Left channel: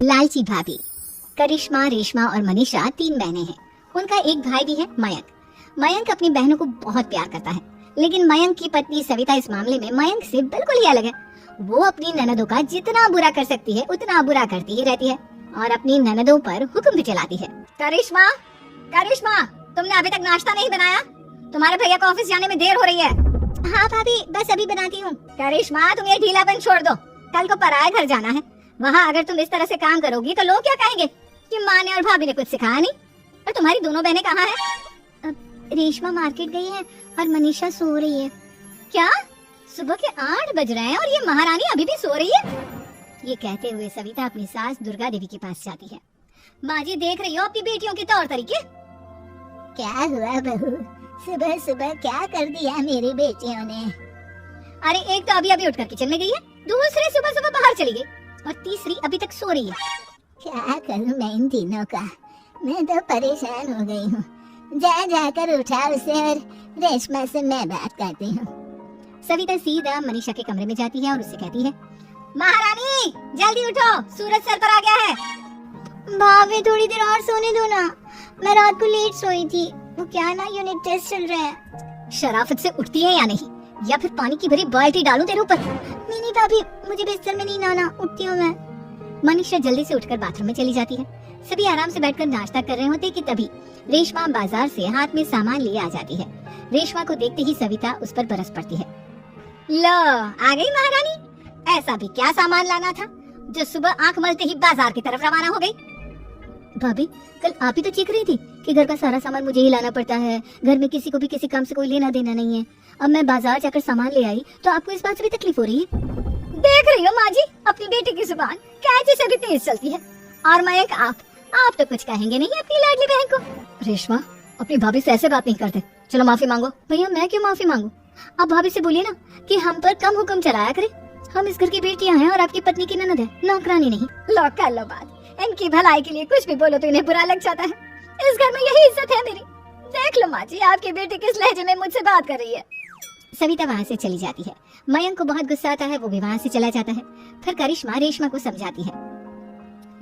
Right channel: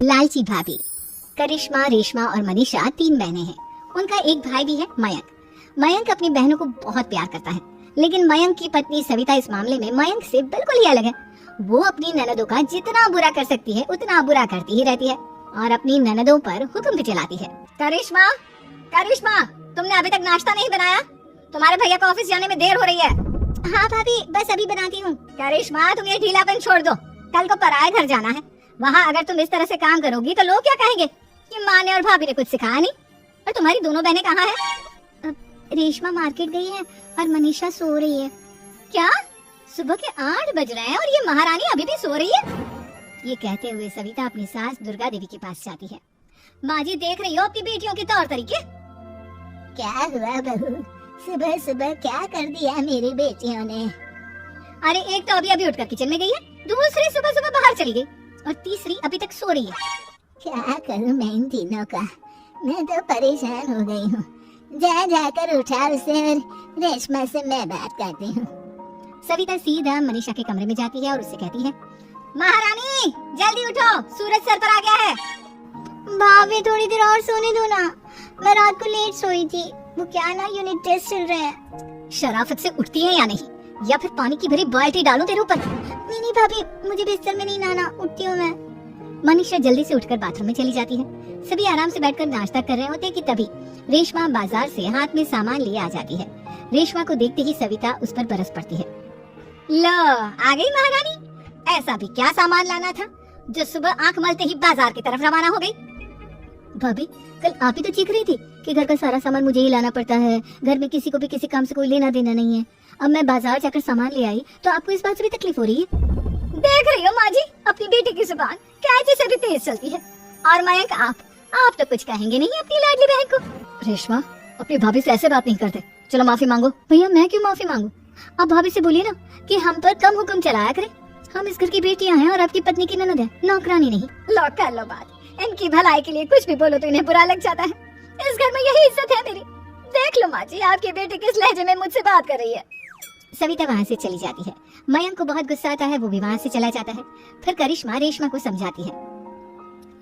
लालची भाभी। करिश्मा, रेशमा और मनीषा 3 बहनें हैं। उनका एक भाई भी है, मयंक। मयंक अपनी बहनों को बहुत प्यार करता है, लेकिन मयंक की पत्नी सविता इस मामले में मयंक से बिल्कुल ही अलग है। वो अपनी ननदों का जितना बुरा कर सकती है उतना बुरा करती ही रहती है और अपनी ननदों पर हुक्म भी चलाती है। करिश्मा, करिश्मा, तुमने अभी तक नाश्ता नहीं बनाया? तुम्हारे भैया को ऑफिस जाने में देर हो रही है। हाँ भाभी, बस अभी बनाती हूँ। करिश्मा, तुम ये ढीलापन छोड़ दो। कल को पराये घर जाना है। वहाँ अगर तुम इस तरह से काम करोगी तो लोग क्या कहेंगे कि माँ ने और भाभी ने कुछ सिखाया नहीं। और तुम्हारी दोनों बहनें कहाँ हैं? रेशमा मार्केट गई है और मनीषा सो रही है। क्या? सुबह के 8 बज रहे हैं और ये महारानी अभी भी सो रही है? ये कहते हुए सविता अपनी सास दुर्गा देवी के पास जाती है। माँ जी, देख रही हो अपनी बेटियों के तौर तरीके? क्या हुआ बहू, सुबह सुबह क्या कर दिया मेरी बेटियों ने? अरे एक तो अभी अभी उठकर किचन में गई है, दूसरी सुबह सुबह बाहर चली गई और तीसरी अभी तक सो रही है। क्या करूं मैं इन तीनों का, मैं तो परेशान हो गई हूँ। जा जाकर उठा उसे, रेशमा से मैं बात करती हूँ। सविता सीधा मनीषा के कमरे में जाती है और उससे कहती है, महारानी जल्दी उठो, सूरज सर पर आ गया है। भाभी थोड़ी देर और सोने दो ना, मैं रात को लेट सोई थी। वो क्या है ना, यूनिट टेस्ट चल रहा है। शराफत से उठती है या नहीं, या फिर पानी की भरी बाल्टी डालूं तेरे ऊपर? नहीं भाभी, मुझे बिस्तर में नहीं नहाना, उठती हूँ मैं। मनीषा जल्दी से उठकर बाथरूम में चली जाती है। सभी आराम से बैठकर नाश्ता कर रहे होते कि तभी रेशमा बाजार से हाथ में सामान लिए आ जाती है। रेशमा को देखते ही सविता उस पर बरस पड़ती है। लो, आ गई महारानी। ऐसा भी क्या सामान लाना था जो सुबह आंख मलते ही बाजार की तरफ रवाना हो गई? भाभी, कल आप ही तो चीख रही थी कि घर का सारा सामान मुझे ही लाना पड़ता है, घर में किसी को भी किसी काम से कोई लेना देना नहीं है। अब मैं बाजार जाकर सामान ले आई तो आपको इस बात से भी तकलीफ हो रही है? देख रही हो माँ जी, अपनी बेटी की जुबान कैंची से भी तेज चलती है। और मयंक, आप तो कुछ कहेंगे नहीं अपनी लाडली बहन को। रेशमा, अपनी भाभी से ऐसे बात नहीं करते। चलो माफी मांगो। भैया, मैं क्यों माफी मांगू? आप भाभी से बोलिए ना कि हम पर कम हुक्म चलाया करे। हम इस घर की बेटियां हैं और आपकी पत्नी की ननद है, नौकरानी नहीं। लो कर लो बात। इनकी भलाई के लिए कुछ भी बोलो तो इन्हें बुरा लग जाता है। इस घर में यही इज्जत है मेरी। देख लो माँ जी, आपकी बेटी किस लहजे में मुझसे बात कर रही है। सविता वहाँ से चली जाती है। मयंक को बहुत गुस्सा आता है, वो भी वहाँ से चला जाता है। फिर करिश्मा रेशमा को समझाती है,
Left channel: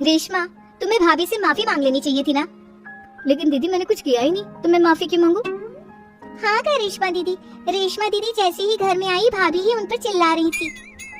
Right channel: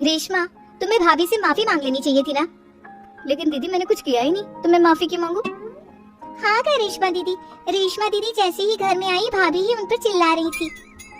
रेशमा तुम्हें भाभी से माफी मांग लेनी चाहिए थी ना। लेकिन दीदी, मैंने कुछ किया ही नहीं, तो मैं माफी क्यों मांगू? हाँ करिश्मा दीदी, रेशमा दीदी जैसे ही घर में आई भाभी ही उन पर चिल्ला रही थी।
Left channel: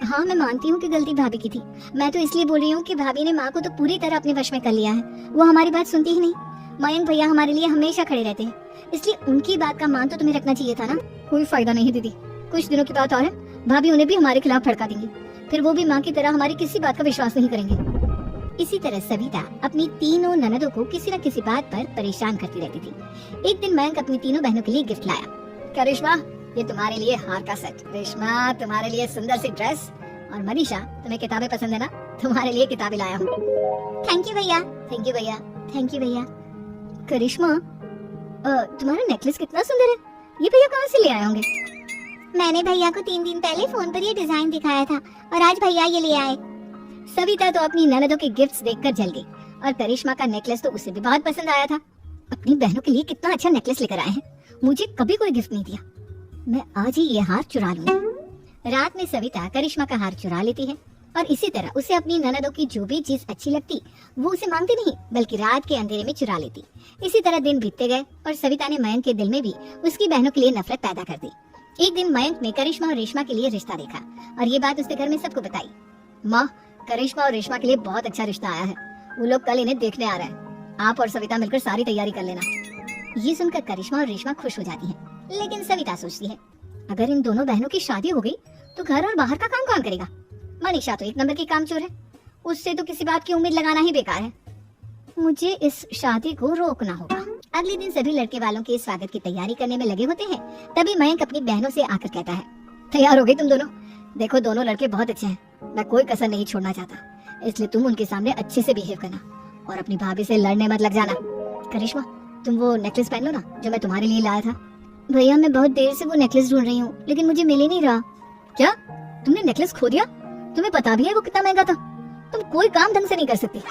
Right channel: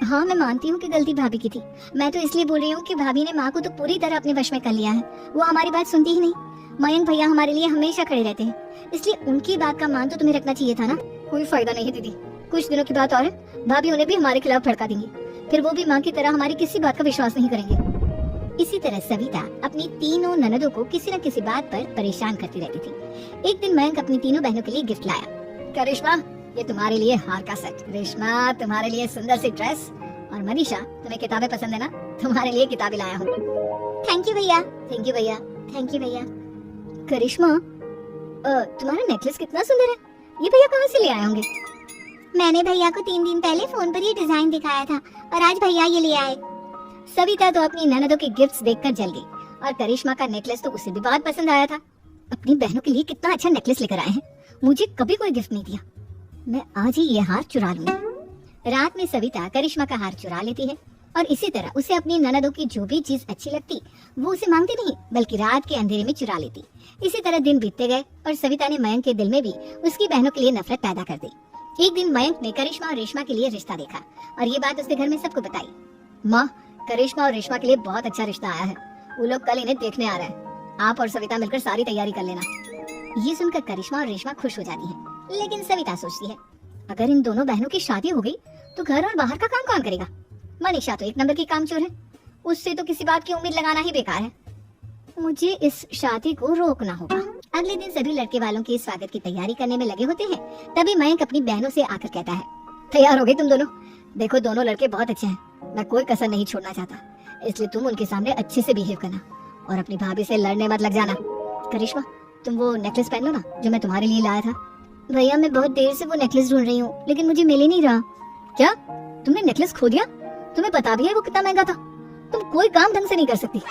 हाँ, मैं मानती हूँ कि गलती भाभी की थी। मैं तो इसलिए बोल रही हूँ कि भाभी ने माँ को तो पूरी तरह अपने वश में कर लिया है। वो हमारी बात सुनती ही नहीं। मयंक भैया हमारे लिए हमेशा खड़े रहते हैं, इसलिए उनकी बात का मान तो तुम्हें रखना चाहिए था ना। कोई फायदा नहीं दीदी, कुछ दिनों की बात और है, भाभी उन्हें भी हमारे खिलाफ भड़का देंगी। फिर वो भी माँ की तरह हमारी किसी बात का विश्वास नहीं करेंगे। इसी तरह सविता अपनी तीनों ननदों को किसी न किसी बात पर परेशान करती रहती थी। एक दिन मयंक अपनी तीनों बहनों के लिए गिफ्ट लाया। करिश्मा, ये तुम्हारे लिए हार का सेट। रेशमा, तुम्हारे लिए सुंदर सी ड्रेस। और मनीषा, तुम्हें किताबें पसंद है ना, तुम्हारे लिए किताबें लाया हूँ। थैंक यू भैया। थैंक यू भैया। थैंक यू भैया। करिश्मा, तुम्हारा नेकलेस कितना सुंदर है, ये भैया कहाँ से ले आए होंगे? मैंने भैया को 3 दिन पहले फोन पर ये डिजाइन दिखाया था और आज भैया ये ले आए। सविता तो अपनी ननदों के गिफ्ट्स देखकर जल गई और करिश्मा का नेकलेस तो उसे भी बहुत पसंद आया था। अपनी बहनों के लिए कितना अच्छा नेकलेस लेकर आए हैं, मुझे कभी कोई गिफ्ट नहीं दिया। मैं आज ही ये हार चुरा लूंगी। रात में सविता करिश्मा का हार चुरा लेती है और इसी तरह उसे अपनी ननदों की जो भी चीज अच्छी लगती वो उसे मांगती नहीं, बल्कि रात के अंधेरे में चुरा लेती। इसी तरह दिन बीतते गए और सविता ने मयंक के दिल में भी उसकी बहनों के लिए नफरत पैदा कर दी। एक दिन मयंक ने करिश्मा और रेशमा के लिए रिश्ता देखा और ये बात उसके घर में सबको बताई। माँ, करिश्मा और रेशमा के लिए बहुत अच्छा रिश्ता आया है, वो लोग कल इन्हें देखने आ रहे हैं। आप और सविता मिलकर सारी तैयारी कर लेना। ये सुनकर करिश्मा और रेशमा खुश हो जाती है, लेकिन सविता सोचती है, अगर इन दोनों बहनों की शादी हो गई तो घर और बाहर का काम कौन करेगा? मनीषा तो 1 नंबर की कामचोर है, उससे तो किसी बात की उम्मीद लगाना ही बेकार है। मुझे इस शादी को रोकना होगा। अगले दिन सभी लड़के वालों के स्वागत की तैयारी करने में लगे होते हैं। तभी मयंक अपनी बहनों से आकर कहता है, तैयार हो गई तुम दोनों? देखो, दोनों लड़के बहुत अच्छे हैं, मैं कोई कसर नहीं छोड़ना चाहता, इसलिए तुम उनके सामने अच्छे से बिहेव करना और अपनी भाभी से लड़ने मत लग जाना। करिश्मा, तुम वो नेकलेस पहन लो ना जो मैं तुम्हारे लिए लाया था। भैया, मैं बहुत देर से वो नेकलेस ढूंढ रही हूँ, लेकिन मुझे मिल ही नहीं रहा। क्या तुमने नेकलेस खो दिया? तुम्हें पता भी है वो कितना महंगा था? तुम कोई काम ढंग से नहीं कर सकती।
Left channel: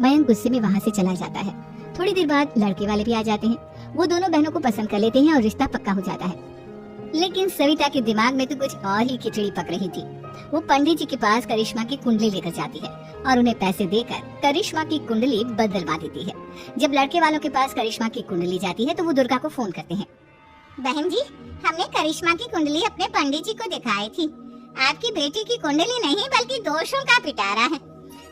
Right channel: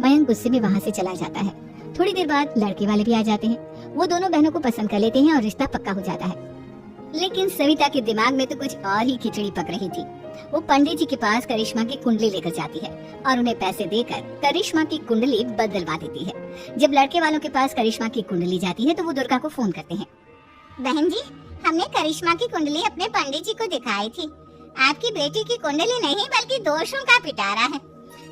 मयंक गुस्से में वहाँ से चला जाता है। थोड़ी देर बाद लड़के वाले भी आ जाते हैं। वो दोनों बहनों को पसंद कर लेते हैं और रिश्ता पक्का हो जाता है। लेकिन सविता के दिमाग में तो कुछ और ही खिचड़ी पक रही थी। वो पंडित जी के पास करिश्मा की कुंडली लेकर जाती है और उन्हें पैसे देकर करिश्मा की कुंडली बदलवा देती है। जब लड़के वालों के पास करिश्मा की कुंडली जाती है तो वो दुर्गा को फोन करती है। बहन जी, हमने करिश्मा की कुंडली अपने पंडित जी को दिखाई थी। आपकी बेटी की कुंडली नहीं बल्कि दोषों का पिटारा है।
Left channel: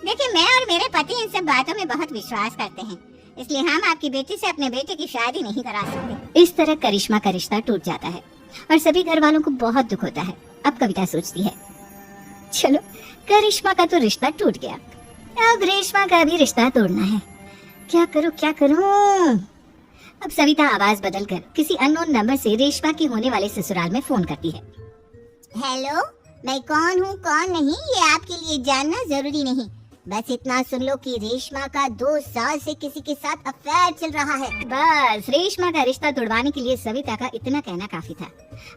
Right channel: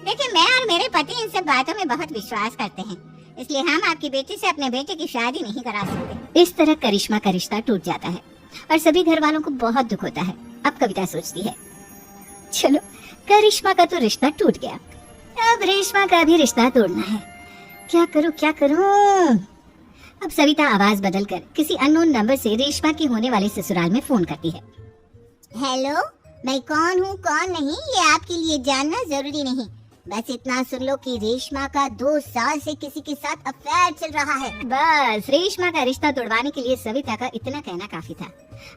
देखिए, मैं और मेरे पति इन सब बातों में बहुत विश्वास करते हैं, इसलिए हम आपकी बेटी से अपने बेटे की शादी नहीं करा सकते। इस तरह करिश्मा का रिश्ता टूट जाता है और सभी घर वालों को बहुत दुख होता है। अब कविता सोचती है, चलो करिश्मा का तो रिश्ता टूट गया, अब रेशमा का भी रिश्ता तोड़ना है। क्या करूं क्या करूं? अब सविता आवाज बदलकर किसी अननोन नंबर से रेशमा की होने वाले ससुराल में फोन करती है। हेलो, मैं कौन हूँ कौन नहीं ये आपके लिए जानना जरूरी नहीं, बस इतना सुन लो कि रेशमा का 2 साल से किसी के साथ अफेयर चल रहा है। बस रेशमा का रिश्ता तोड़वाने के लिए सविता का इतना कहना काफी था।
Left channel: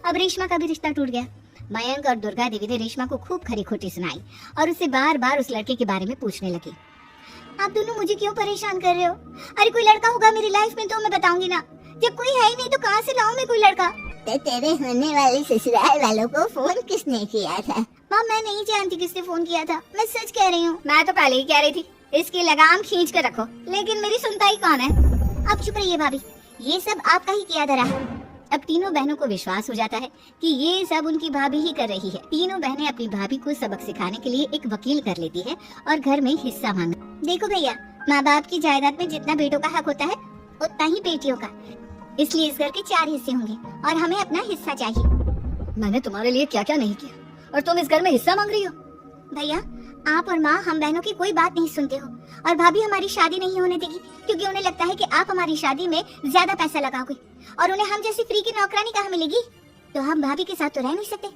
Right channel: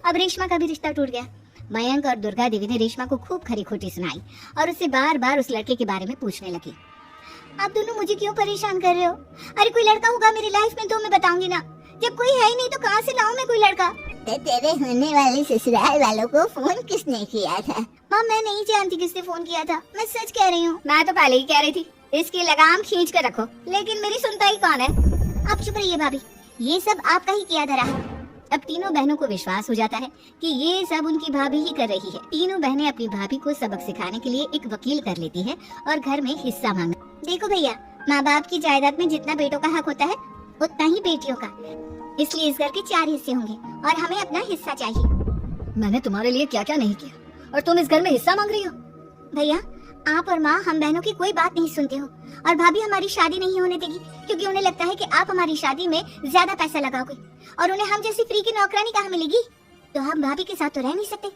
अब रेशमा का भी रिश्ता टूट गया। मयंक और दुर्गा देवी ने रेशमा को खूब खरी खोटी सुनाई और उससे बार बार उस लड़के के बारे में पूछने लगी। आप दोनों मुझे क्यों परेशान कर रहे हो? अरे कोई लड़का होगा मेरी लाइफ में तो मैं बताऊंगी ना, जब कोई है ही नहीं तो कहाँ से लाऊं मैं कोई लड़का? तो तेरे होने वाले ससुराल वालों को फोन किसने किया था? माँ, मैं नहीं जानती किसने फोन किया था, मैं सच कह रही हूँ। मैं तो पहले ही कह रही थी इसकी लगाम खींच कर रखो, लेकिन मेरी सुनता ही कौन है? आप चुप रहिए भाभी, ये सब आपका ही किया धरा है। अब तीनों बहनों को विश्वास हो जाता है कि ये सब उनकी भाभी ही कर रही है। तीनों बहनें अपनी भाभी को सबक सिखाने के लिए एक वकील कर लेती है और घर में हिस्सा मांगा। देखो भैया, माँ बाप की जायदाद में जितना बेटों का हक होता है उतना ही बेटियों का, इसलिए इस घर के 4 हिस्से होंगे और हमें अपना हिस्सा चाहिए। मैंने तुम्हारे लिए क्या क्या नहीं किया और तुम इस घर में हिस्सा मांग रही हो? भैया, आप और माँ हम बहनों की कोई बात नहीं सुनते हो और भाभी हमारी शादी नहीं होने देगी क्योंकि उन्हें लगता है कि आप हमारी शादी में ज्यादा पैसा लगाओगे और उन्हें हम जैसी फ्री की नौकरानी कहाँ मिलेगी। तो हम भाभी के साथ तो रह नहीं सकते,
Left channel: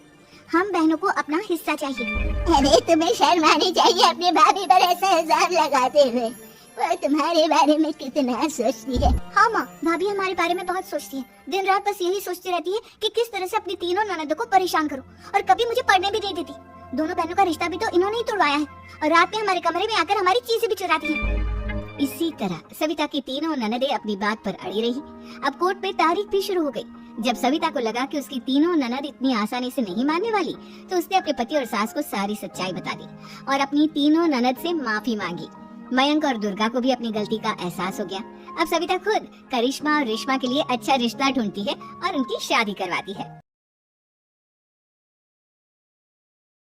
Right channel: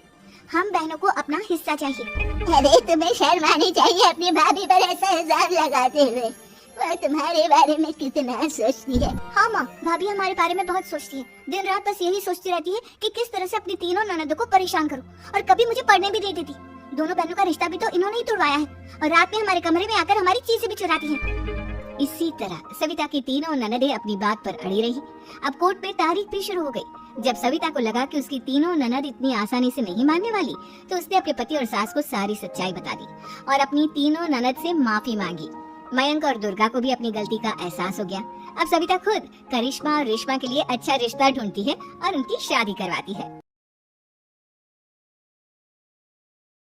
हम बहनों को अपना हिस्सा चाहिए। अरे तुम्हें शर्म आनी चाहिए अपनी भाभी पर ऐसा इल्जाम लगाते हुए, वो तुम्हारे बारे में कितना सोचती है। हाँ माँ, भाभी हमारे बारे में बहुत सोचती है, दिन रात बस यही सोचती रहती है कि किस तरह से अपनी तीनों ननदों को परेशान करूं और कभी मुझे पढ़ने भी नहीं देती। दोनों बहनों का रिश्ता भी तो इन्होंने ही तोड़वाया है और रात में हमारे कमरे में आकर हमारी चीजें भी चुराती हैं। इसी तरह सविता की तीनों ननदें अपनी बात पर अड़ी रही। अब कोर्ट में तारीख भी शुरू हो गई। जब सविता को लगा कि उसकी तीनों ननद इतनी आसानी से नहीं मानने वाली, तो उसने अपने पति और सास को सारी सच्चाई बता दी और अपनी तीनों ननद से माफी मांगी। मयंक और दुर्गा को भी अपनी गलती का एहसास हो गया। अब सविता खुद करिश्मा और रेशमा के लिए अच्छा रिश्ता ढूंढती है और उनकी शादी करवाती है।